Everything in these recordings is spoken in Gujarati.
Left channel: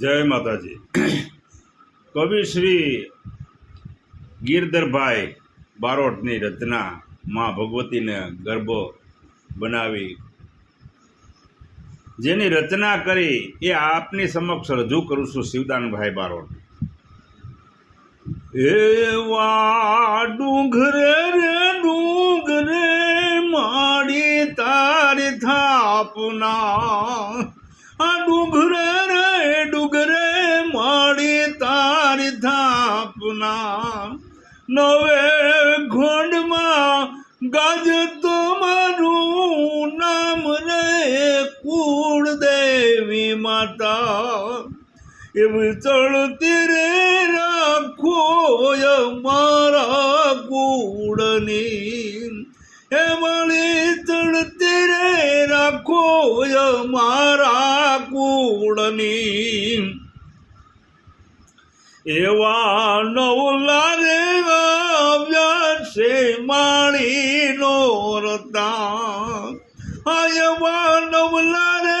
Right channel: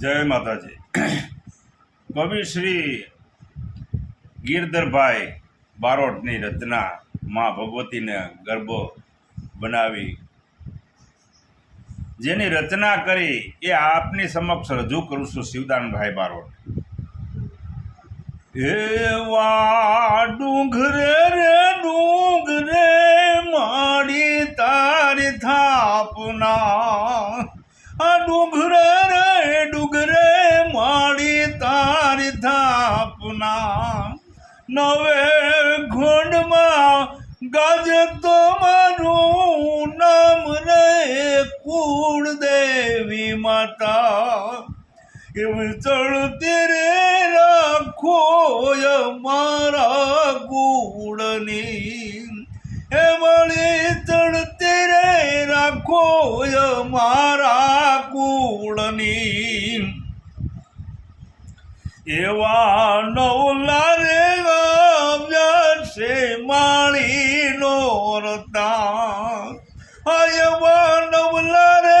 જય માતાજી. કવિ શ્રી ગિરધરભાઈ બારોટની રચના માં ભગવતીને ગર્ભ બનાવી. જેની રચના કરી એ આપની સમક્ષ રજૂ કરું છું શિવદાનભાઈ બારોટ. એવા ડુંગરે થાપના નવે ઘોંડમાં ગાજે તો મારું નામ રે કુળ દેવી માતા. એમ ચડતી રે રાખો મારા કુળની એ મળી ચડતી રે રાખો મારા કુળની એવા નવલા રે છે માળીનો રતા એવા નવલા રે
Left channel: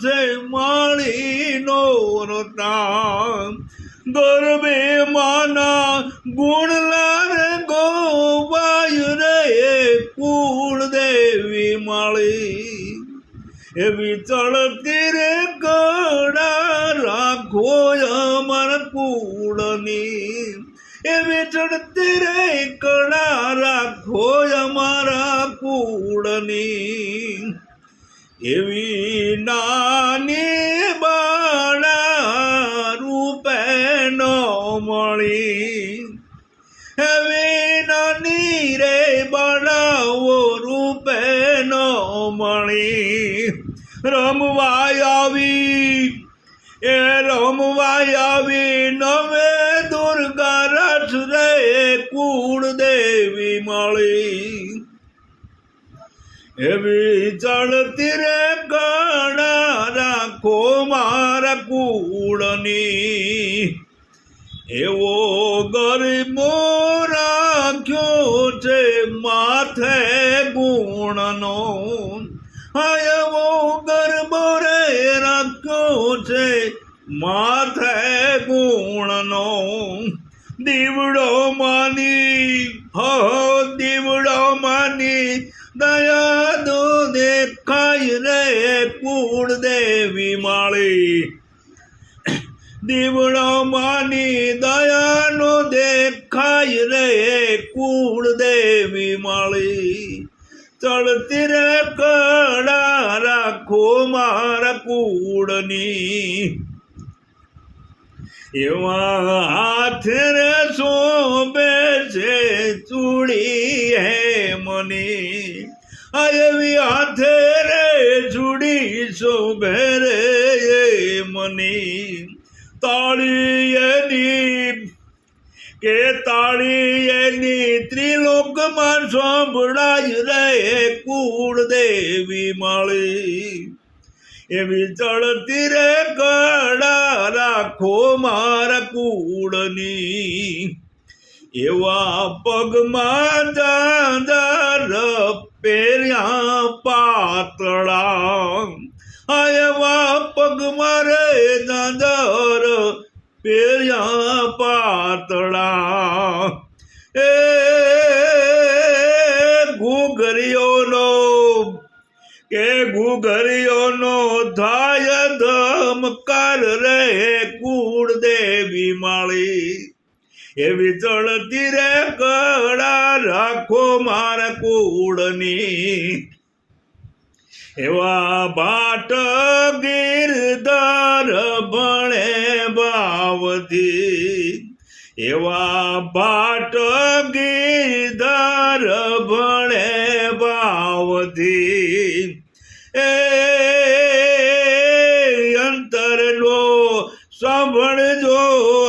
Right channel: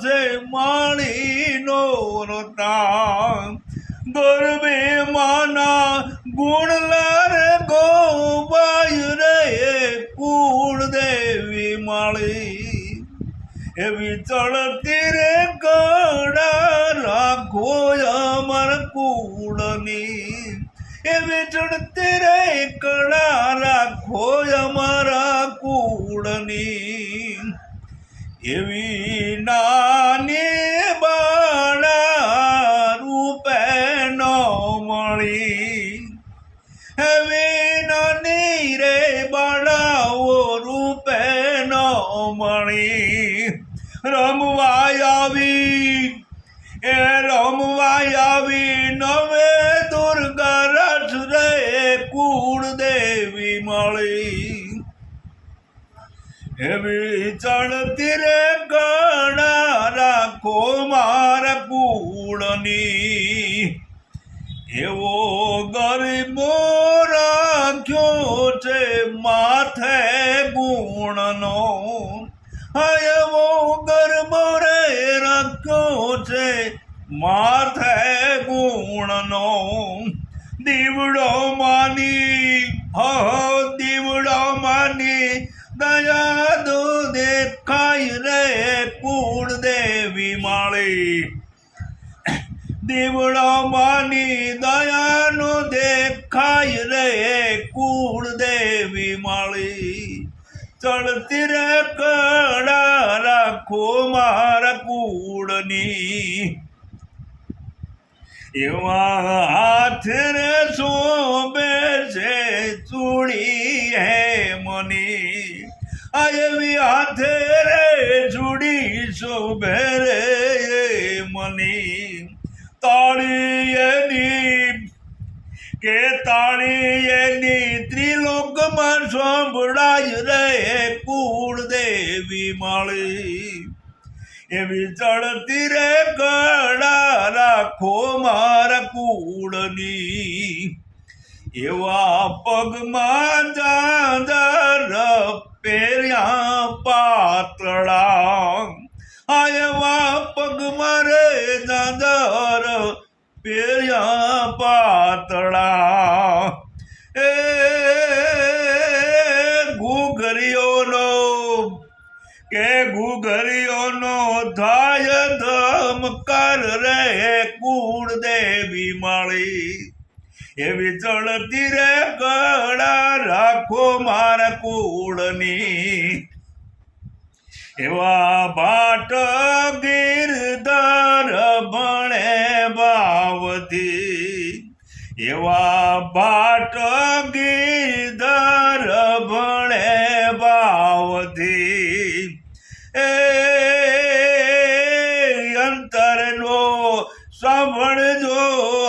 છે માળીનો રતા ગરબે માના ગુણલા રે ગોવાય રે કુળ દેવી માળી. એવી ચડતી કુળની. એવી ચડતી રે કળા રાખો અમારા કુળની. એવી નાની બાળા રૂપે ન મળી. એવી નાની રે બાળાઓ રૂપે ન મળી. રમવાય આવી એવી ચડતી રે ગણા રાખો માર કુળની. એવો ગરીબો રાખ્યો છે માથે ગુણનો. એવો ગરબો રે રાખ્યો છે માથે ગુણનો. દીવડો માની, હો, દીવડો માની, દયા દીવડો માની દયાનો દેખાય રે કુળ દેવી મળી. ચડતી રે કડા રાખો મારા કુળની. એવા હાથ રે શોભે છે ચૂડી હે મની. આવી હાથે રે ચૂડી શોભે મની તાળી એની કે તાળી એની ત્રિલોકમાં સાંભળાય રહે કુળ દેવી માળી. એવી ચડતી રે કડા રાખો મારા કુળની. એવા પગમાં ચાંદર પેર્યા પાતળા. આ એવા પગમાં રે પહેર્યા પાતળા. એ ઘૂઘરીઓનો, કે ઘૂઘરીઓનો થાય ધમકાર રે કુળ દેવી મળી. એવી ચડતી રે કડા રાખો મારા કુળની. એવા ભાટ ગીરદાર ભણે ભાવથી એવા ભાટ ગીરધાર ભણે ભાવથી એ અંતરનો સાંભળજો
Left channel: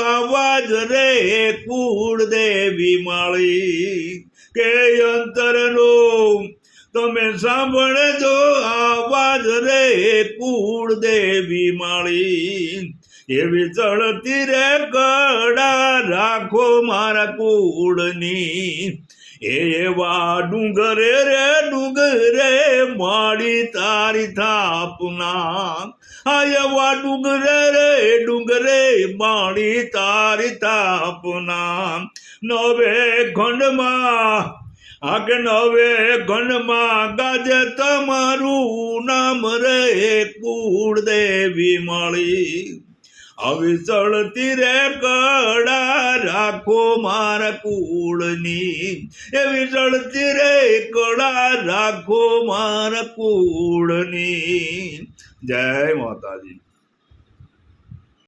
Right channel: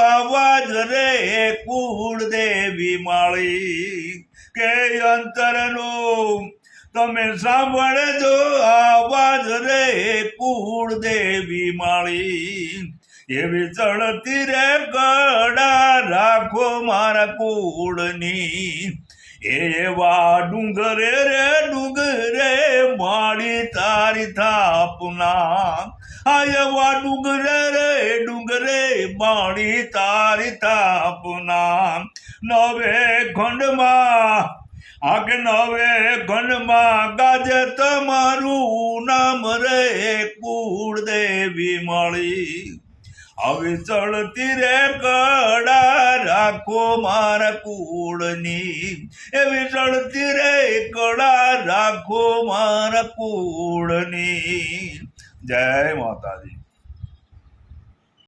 આવાજ રે કુળ દેવી માળી. કે અંતરનો તમે સાંભળજો આવાજ રે કુળ દેવી માળી. એવી ચડતી રે કડા રાખો મારા કુળની? એવા ડુંગરે રે, ડુંગરે માડી તારી થાપના. આ એવા ડુંગરે રે, ડુંગરે માડી તારી થાપના. નવે ખંડમાં આગે નવે ઘનમાં ગાજે તમારું નામ રે કુળ દેવી મળી. હવે ચડતી રે કડા રાખો મારા કુળની. એવી ચડતી રે કડા રાખો મારા કુળની. જય માતાજી.